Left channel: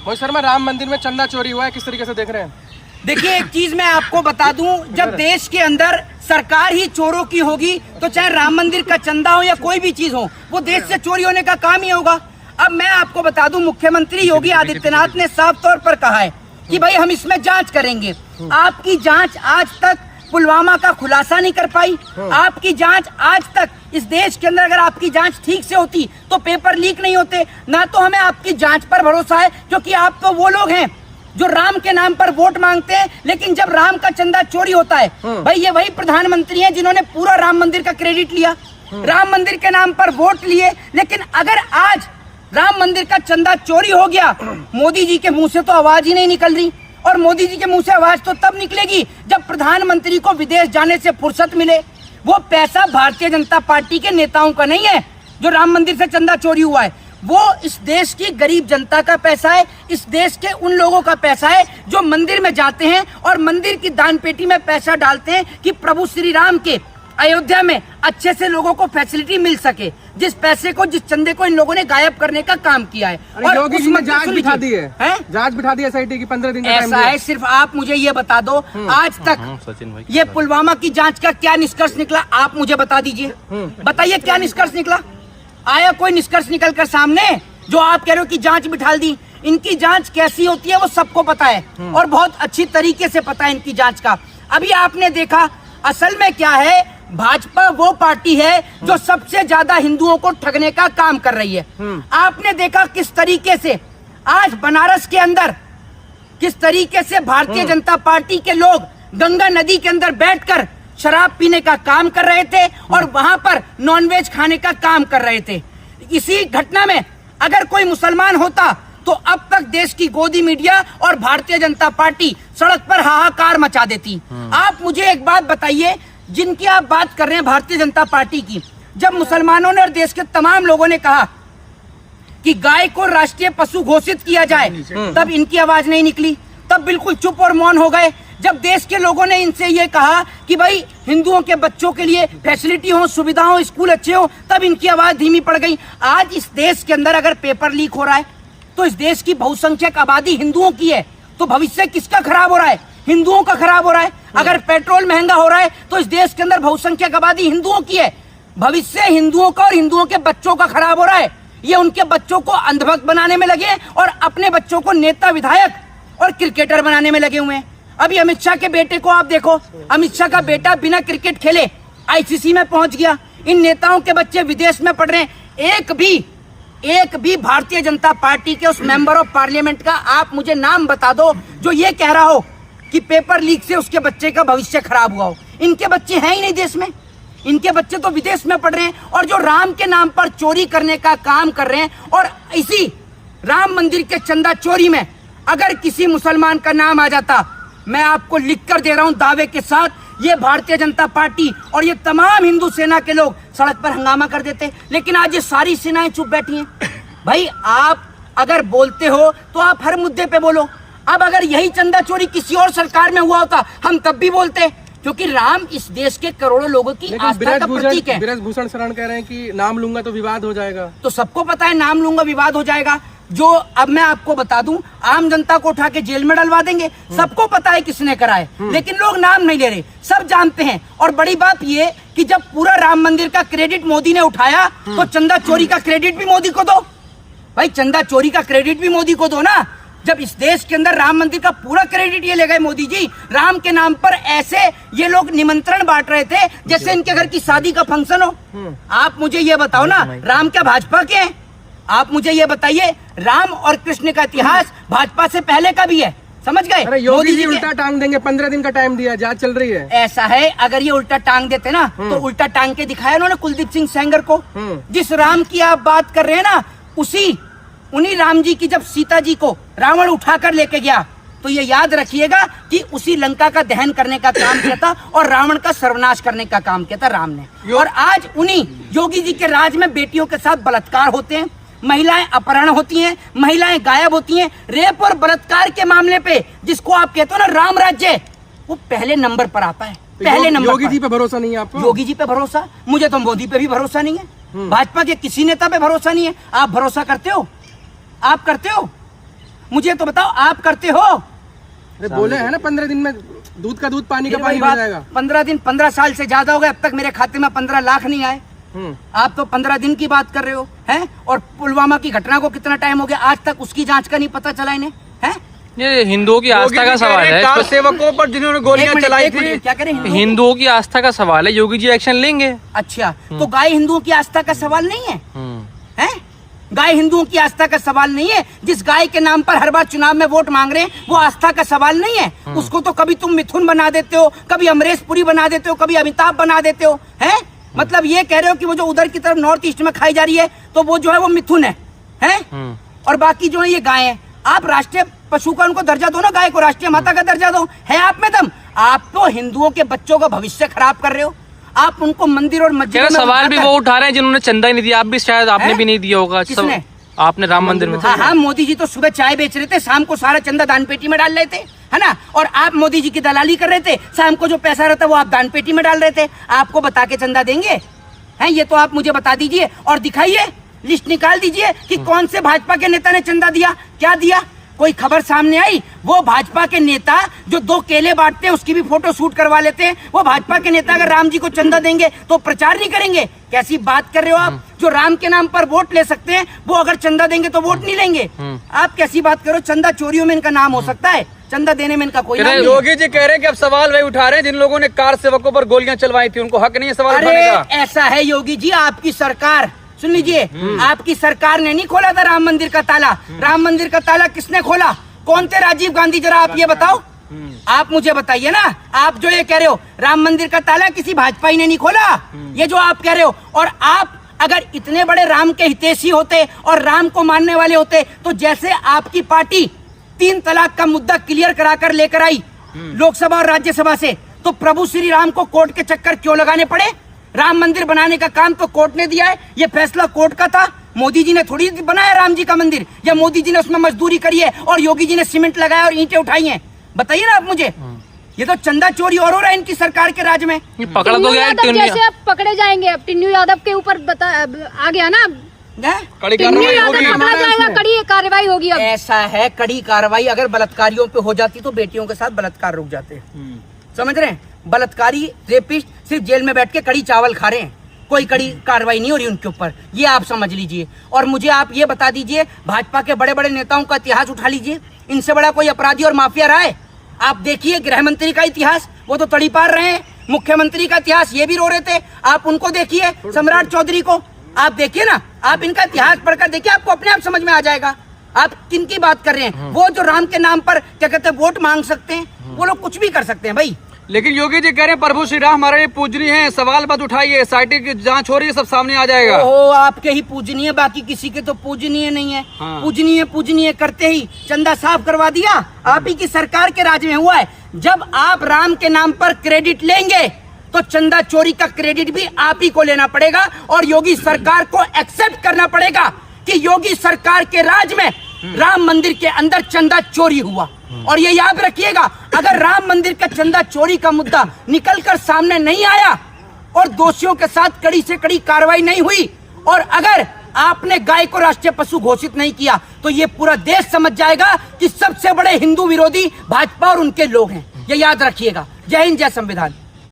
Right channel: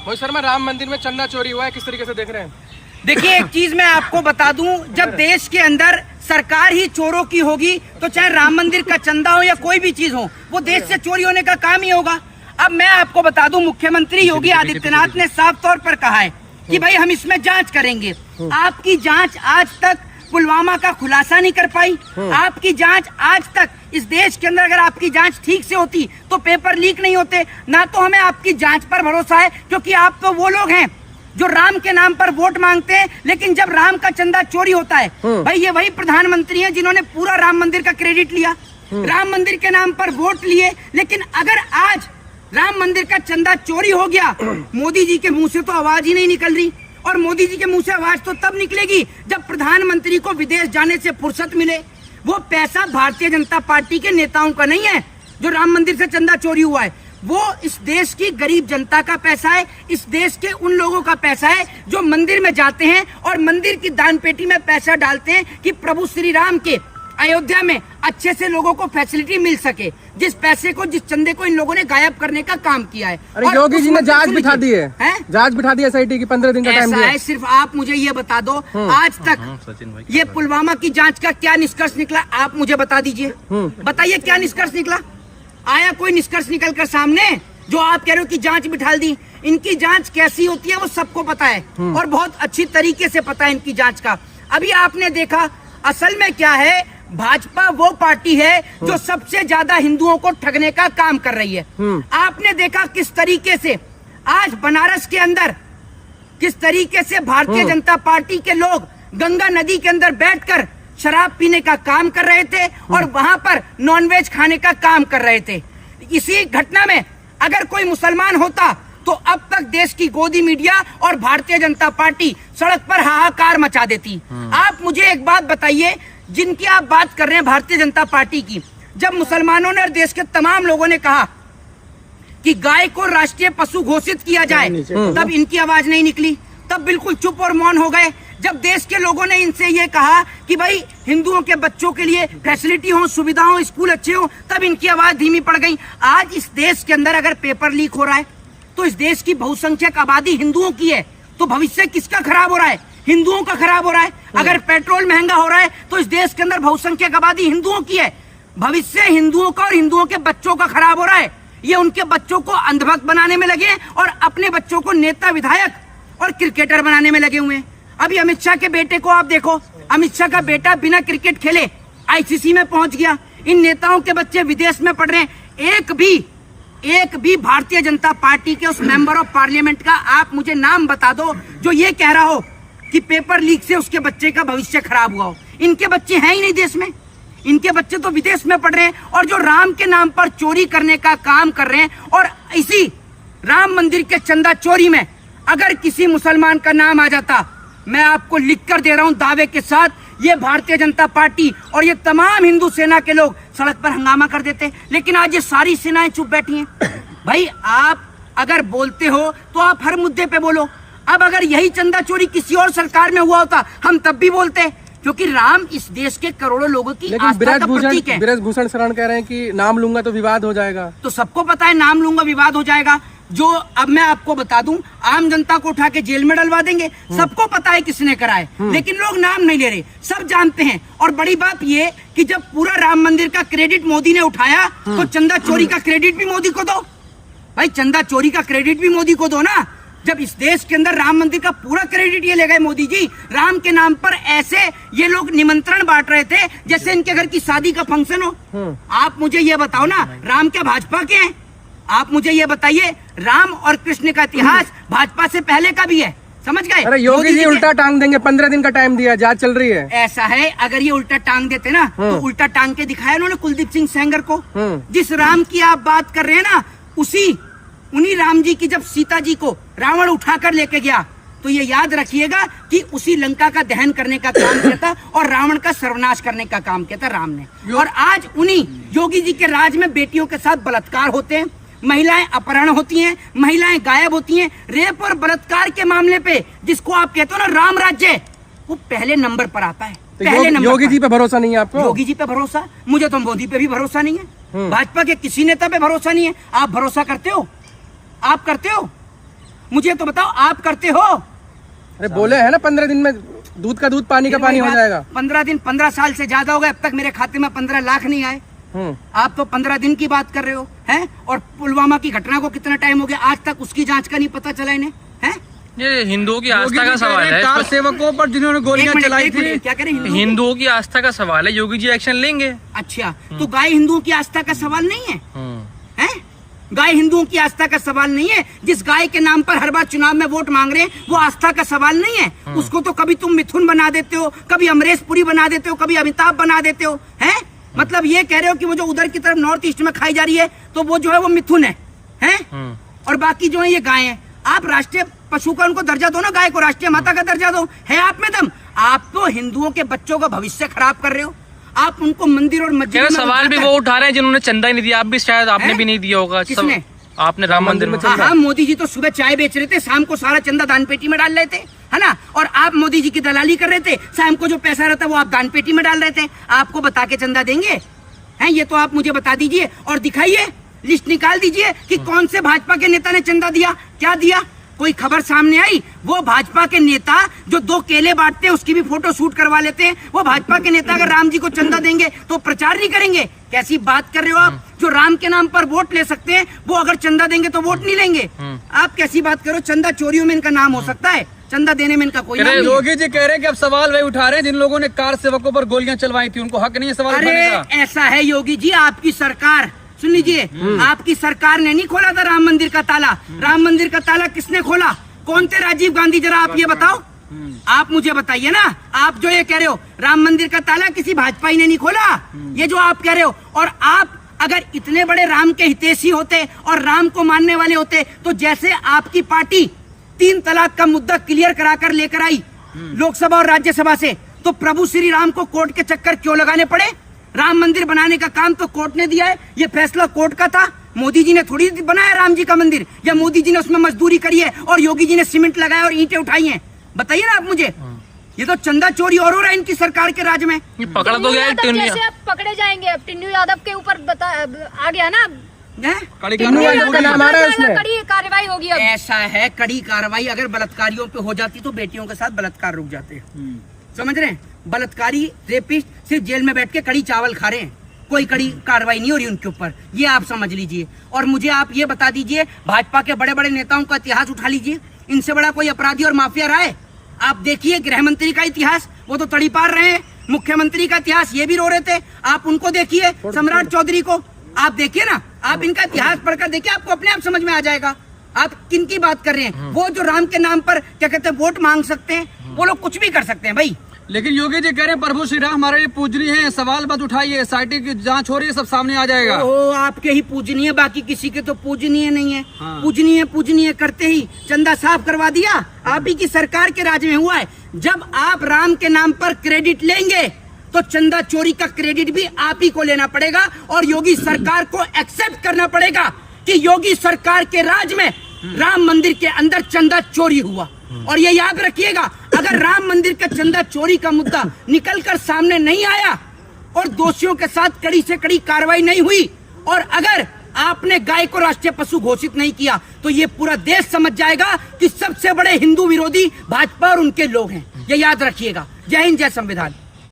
वो सर में राम मंदिर में चंदा चोरी हुआ है, किस तरीके से देख रहे हैं? देखिए, एक चीज मैं आपको बता दूं, जब देश के अंदर सरकार ही चोरों की होगी तो चाहे राम मंदिर का चंदा हो या कोई भी चीज हो, वो देश से चोरी होने का काम ही होगा। अब मैं आपको बता दूं, मुख्यमंत्री योगी आदित्यनाथ ने साफ तौर पर कहा है कि भाई हम इसमें जांच करेंगे। आपकी जांच आज तक पुलवामा का खुलासा नहीं कर पाई। आपकी जांच आज तक इस देश के अंदर, अगर आपकी जांच ठीक से होती तो पेपर लीक नहीं होते। ना तो हमें आपकी जांच पर भरोसा है, क्योंकि आप तो वो लोग हैं जो राम के नाम पर वोट मांगते हैं, लेकिन जब राम का चंदा चोरी होता है, भाई ये वही प्रधानमंत्री हैं जिन्होंने पूरा राम मंदिर का क्रेडिट लिया, राम मंदिर के नाम पर वोट लिए। लेकिन अगर आज राम मंदिर का चंदा चोरी हो गया, मोदी जी के मुंह से तो आवाज ही नहीं निकल रही। और मोदी जी के मुंह से आवाज तो तब निकलेगी जब प्रधानमंत्री को विदेश जाने से फुर्सत मिले। वो पैसा भारतीय जनता पार्टी के नेताओं का नहीं है जो राम मंदिर से चंदा चोरी हुआ है, वो इस देश की गरीब जनता का पैसा है, इस देश के उन लोगों का पैसा है जो मंदिर में जाते हैं और मंदिर की दान पेटी में पैसा डालते हैं कि प्रभु श्री राम के अयोध्या में अच्छे से लोगों को फैसिलिटी मिल सके। जिस पैसे को, जिस चंदे को इन लोगों ने गायब करने का काम किया है। और योगी जी ने जांच बिठा दी है, जांच बिठा दी SIT की 15 दिन का ऐसा है। सिर्फ आप मुझे ये बता दो, आज तक ये पुलवामा की जांच का क्या निष्कर्ष निकला, आप मुझे बता दीजिए। बताइए क्या निष्कर्ष निकला? आया कोई निष्कर्ष निकल कर सामने? जो आप कह रहे हो कि जांच बिठा दी, इनकी जांच कैसी होती है वो सबको पता है और बहुत अच्छी तरीके से पता है इनकी जांच का। अभी आपने देखा, असल में क्या है, भाजपा वो पार्टी है जो सबसे ज्यादा हिंदुओं को ठगने का काम कर रही है। आपने देखा किस तरीके से आज बनारस के अंदर, किस तरीके से भारतीय जनता पार्टी के लोग गंगा नदी के अंदर बैठकर शराब पीने का काम कर रहे थे और वहां पर नॉनवेज खाने का काम कर रहे थे। इसी घटना में अगर कोई मुसलमान होता तो अब तक देश की गोदी मीडिया और भारतीय जनता पार्टी सड़क पर हाहाकार मचा देती। आप मुझे एक बात बताइए, जिनकी आप बात कर रहे हैं भारतीय जनता पार्टी की, जब मुसलमानों ने और देश के तमाम लोगों ने कहा कि गाय को राष्ट्रीय पशु घोषित किया जाए, तब इनकी आवाज नहीं निकली, तब बिल्कुल चुप और मौन हो गए। जब देश के लोगों ने इनसे ये कहा कि भाई हिंदुओं के बच्चों के लिए फैसिलिटी हो, सुविधा हो, स्कूल अच्छे हो, तब इनकी आवाज धीमी पड़ गई। आज इस देश के अंदर अगर पेपर लीक हो रहा है तो इस देश की बहुसंख्यक आबादी हिंदुओं की है, तो भविष्य किसका खराब हो रहा है? हिंदुओं का खराब हो रहा है। अगर पेट्रोल महंगा हो रहा है तो इस देश के अंदर बहुसंख्यक आबादी हिंदुओं की है, भविष्य हिंदुओं का और हिंदुओं के बच्चों का खराब हो रहा है। ये उनके बच्चों को अंधभक्त बनाने में लगे और अपने बच्चों को नेता, विधायक और क्रिकेटर बनाने में लगे हुए हैं। अभी अमित शाह के बेटे को आप देखो, अमित शाह का बेटा बिना क्रिकेट खेले ICC में पहुंच गया। इन नेताओं के बच्चे विदेश में पढ़ रहे हैं। एक भी भारतीय जनता पार्टी के उस मेंबर ऑफ पार्लियामेंट का आप मुझे नाम बता दो जो ये कह रहा हो कि पेपर लीक से उसके बच्चे का भविष्य खराब हुआ हो। इनके बच्चे हैं ही नहीं देश में, इनके बच्चे तो विदेश में पढ़ रहे हैं और जो राम के नाम पर चोरी करने का काम कर रहे हैं। और इसी राम मंदिर के चंदा चोरी में अगर किसी मुसलमान का नाम आ जाता, मैं आपको लिख कर दे रहा हूं दावे के साथ, ये भारतीय जनता पार्टी और ये तमाम हिंदू सेना के लोग सड़क पर हंगामा कर देते। लेकिन आज ये सारी सेनाएं चुप बैठी हैं। भाई आप अगर बोलते हो तो आप हर मुद्दे पे बोलो। अब अगर यही चंदा चोरी किसी और सरकार में हुआ होता हम तब भी बोलते, क्योंकि राम इस देश के करोड़ों लोगों की आस्था का प्रतीक है। बृजभूषण शरण कह रहे हैं कि नाम लूंगा तो विवाद हो जाएगा। तो सबको पता है नाम लूंगा विवाद हो जाएगा। जो अब मैं आपको बता दूं, आम जनता को उठा के जेल में डलवा देंगे। सबको पता है किसने करा है, लेकिन लोग नाम नहीं ले रहे, सब जानते हैं। और बड़ी बात ये कि जब पूरा राम मंदिर का क्रेडिट मोदी ने उठाया तो चंदा चोरी का क्रेडिट भी मोदी को दो। भाई चंदा चोरी का क्रेडिट भी मोदी को दो ना। जब इस देश के अंदर राम मंदिर का पूरा क्रेडिट ये ले गए मोदी जी, राम के नाम पर ऐसे ये लोग निमंत्रण बांट रहे थे जैसे इनके घर की शादी का फंक्शन हो। आप मुझे ये बताओ ना, राम क्या भाजपा के हैं? आप मुझे ये बताइए, राम और कृष्ण का इतिहास भाजपा से पहले का भी है, समझ गए? अरे योगी जी उल्टा टांग देंगे, 15 दिन का टाइम दिया, जांच चल रही है। ऐसा है, अगर ये उल्टा टांग देते ना तो उल्टा टांग के दिखाया उन्होंने कुलदीप सिंह सेंगर को। जिस राम की आप बात कर रहे हैं ना, उन्हीं राम जी की जब सीता जी को रावण उठाकर लेके गया, तो ये याद रखिएगा कि उसी लंका का दहन करने का काम किया था और रावण का सर्वनाश करने का काम किया था राम ने। और आज उन्हीं योगी जी के राज में बेटियों के साथ बलात्कार होते हैं, महिलाएं अपहरण होती हैं, महिलाएं गायब होती हैं। रेप और बलात्कार के मामले पे जिसको आप कहते हो ना राम राज्य, वो पहले नंबर पर आता है, पहले नंबर। योगी जी पे भरोसा नहीं है आपको? योगी जी पे भरोसा, मुझे तो मोदी पे भी भरोसा नहीं है, भाजपा के किसी नेता पे भरोसा नहीं है। आप भरोसा करते हो? आप करते हो? मुझे तो बताओ, आप करते हो? अरे बोले है ना 15 दिन में दूध का दूध पानी का पानी हो जाएगा। 15 दिन, 15 साल से ज्यादा हो गए, अब तक मेरे खाते में 15 लाख नहीं आए। आप तो 15 दिन की बात कर रहे हो, हैं? और पुलवामा की घटना को कितना टाइम हो गया, आज तक उसकी जांच का नहीं पता चला इन्हें, हैं? ये हिंदुओं की आस्था का सवाल है। कार सेवकों पर जिन्होंने गोलियां चलाई थी, क्या करें? हिंदुओं की आस्था का सवाल है, योगी जी एक्शन लेंगे। अच्छा, तो गाय हिंदुओं की आस्था का सवाल नहीं है, हैं? गाय हिंदुओं की आस्था का सवाल नहीं है। जिस गाय के नाम पर हर बार चुनाव में वोट मांग रहे हैं, वो आस्था का सवाल नहीं है। उसको तो कभी तुम मिथुन बना देते हो, कभी अमरीश पुरी बना देते हो, कभी अमिताभ बना देते हो, हैं? मतलब ये कह रहे हो कि वो जो उधर की तरफ नॉर्थ ईस्ट में खाई जा रही है, तो वो जो है वो मिथुन है, हैं? और बाकी जो है ये गाय है। आप राष्ट्रीय पशु का उनको दर्जा दो ना, गाय को राष्ट्रीय माता का दर्जा दो। है आप में दम? आप तो हिंदुओं के बच्चों का भविष्य खराब कर रहे हो। आप उनको मंदिर और मस्जिद में सवाल भी वो उठा रहे हैं जिन्होंने चंदा ही नहीं दिया। आप भी शायद आपने भी नहीं दिया होगा। किसने? आपने राम मंदिर में। हाँ, मोदी जी तो सुबह चाय बेच रहे थे, शाम को सारा चंदा दान पेटी में डाल रहे थे, है ना? और आप मोदी जी की दलाली कर रहे थे, शाम को जो पैसा रहता वो आप दान पेटी में डाल रहे थे। आपको बता के चंदा देंगे, हैं? ये तो आप मुझे बता दीजिए और दिखाइए, लिस्ट निकाल दीजिए कि कौन से भाजपा के नेता ने चंदा दिया, क्या दिया। कोई खबर सामने आई? वो भाजपा के नेता जो 2 केले बांटते हैं उसकी भी फोटो शूट करवा लेते हैं। वो भाजपा के नेता अगर राम जी को चंदा देंगे तो प्रचार नहीं करेंगे? कैसी बात कर रहे हो आप? जो राम के नाम पर वोट ले सकते हैं वो अगर चंदा देंगे तो वोट नहीं लेंगे? आप कैसी बात करो? चंदा चोरियों में इनका नाम हो सकता है, चंदा देने में इनका कोई नाम नहीं है। योगी जी कह रहे हैं कि अब सवाल वही उठा रहे हैं जिन लोगों ने कार सेवकों पर गोलियां चलवाई थी, उनको हक नहीं है सवाल उठाने का। ऐसा है योगी जी, आपकी सरकार, सुन लीजिए, आपकी सरकार ने नहीं खोला था राम मंदिर का ताला। राम मंदिर का ताला किसने खोला? कौन थे राजीव गांधी? जरा आप ये बताओ, आप मुझे बताइए ना। आप जो ये कह रहे हो राम मंदिर का ताला किसी भाजपाई ने नहीं खोला, ये जो आप कह रहे हो। और आप अगर इतने बड़े राम के हितैषी होते और राम को मानने वाले होते तो जैसे आपकी पार्टी 3 तलाक का मुद्दा क्लियर कराकर लेकर आई लोकसभा और राज्यसभा से, तो प्रभु श्री राम को कोर्ट के चक्कर क्यों लगाने पड़े? राम मंदिर बनाने का काम तो कोर्ट ने दिया है, ये फैसला कोर्ट का था। मोदी जी ने थोड़ी बनाया राम जी का मंदिर, या मोदी जी ने उसमें मजदूरी करी है और योगी जी ने सीमेंट लगाया और ईंटें उठाई हैं? बताइए ना आप मुझे। ये तो चंदा चोरी और हो रहा है इनकी सरकार के राज में। पकड़ा तो गया, जैसे अब पकड़े जाएंगे, अब टिन्नू यादव के ऊपर आ गया ना, कड़ी कार्रवाई होगी, कड़ी कार्रवाई होगी। ऐसा है, कड़ी कार्रवाई अगर बलात्कारियों पे हो जाती तो बेटियों के साथ बलात्कार रुक जाते। समझ रहे हैं? बलात्कारी रेपिस्ट सिर्फ जेल में बैठ के कड़ी चावल खा रहे हैं, कोई कड़ी कार्रवाई नहीं हो रही उनके ऊपर, ये आप समझ लीजिए। और मुझे आप ये बता दीजिए, भाजपा के बड़े बड़े नेताओं का इतिहास उठा लीजिए, इनसे बड़ा कोई अपराधी और माफिया रहा है? आप देखिए गृह मंत्री का इतिहास, वो तो तड़ी पार रहे हैं। मुख्यमंत्री का इतिहास, ये भी रो रहे थे। आप उनको देखिए, सम्राट चौधरी को आप देखिए ना, आप इनका इतिहास पढ़कर देखिए, आपको अपने आप समझ में आ जाएगा आप किन की बात कर रहे हैं। वो जो राम के नाम पर क्या कहते हैं वोट मांग सकते हैं, वो लोग कुछ भी कर सकते हैं भाई। लेकिन योगी जी कह रहे हैं प्रभु श्री राम हमारे पूजनीय है, सवाल मत उठाइए, SIT की जांच हो रही है, सब सामने आ जाएगा। ओहो, आपके ही पूजनीय, बाकी किसी के तो पूजनीय नहीं है। हाँ। पूजनीय करते ही चंदा साफ करवा दिया। आप ही की सरकार के राज में हुआ है। जब आप राम के नाम पर क्रेडिट लेंगे तो चंदा चोरी का क्रेडिट भी आप ही को लेना पड़ेगा और योगी सरकार को एक्सेप्ट करना पड़ेगा कि योगी सरकार के राज में राम मंदिर के अंदर चंदा चोरी हुआ। और ये याद रखिएगा, अगर राम मंदिर का चंदा चोरी का मुद्दा निकलकर सामने नहीं आया और दोषियों के साथ कड़ी से कड़ी कार्रवाई नहीं हुई, और अगर आपने गाय को राष्ट्रीय पशु घोषित नहीं किया, तो ये पूरा देश समझ जाएगा कि सबसे बड़े हिंदू विरोधी भाजपा और उनके लोग हैं। ये याद रखिएगा। जय हिंद, जय संविधान।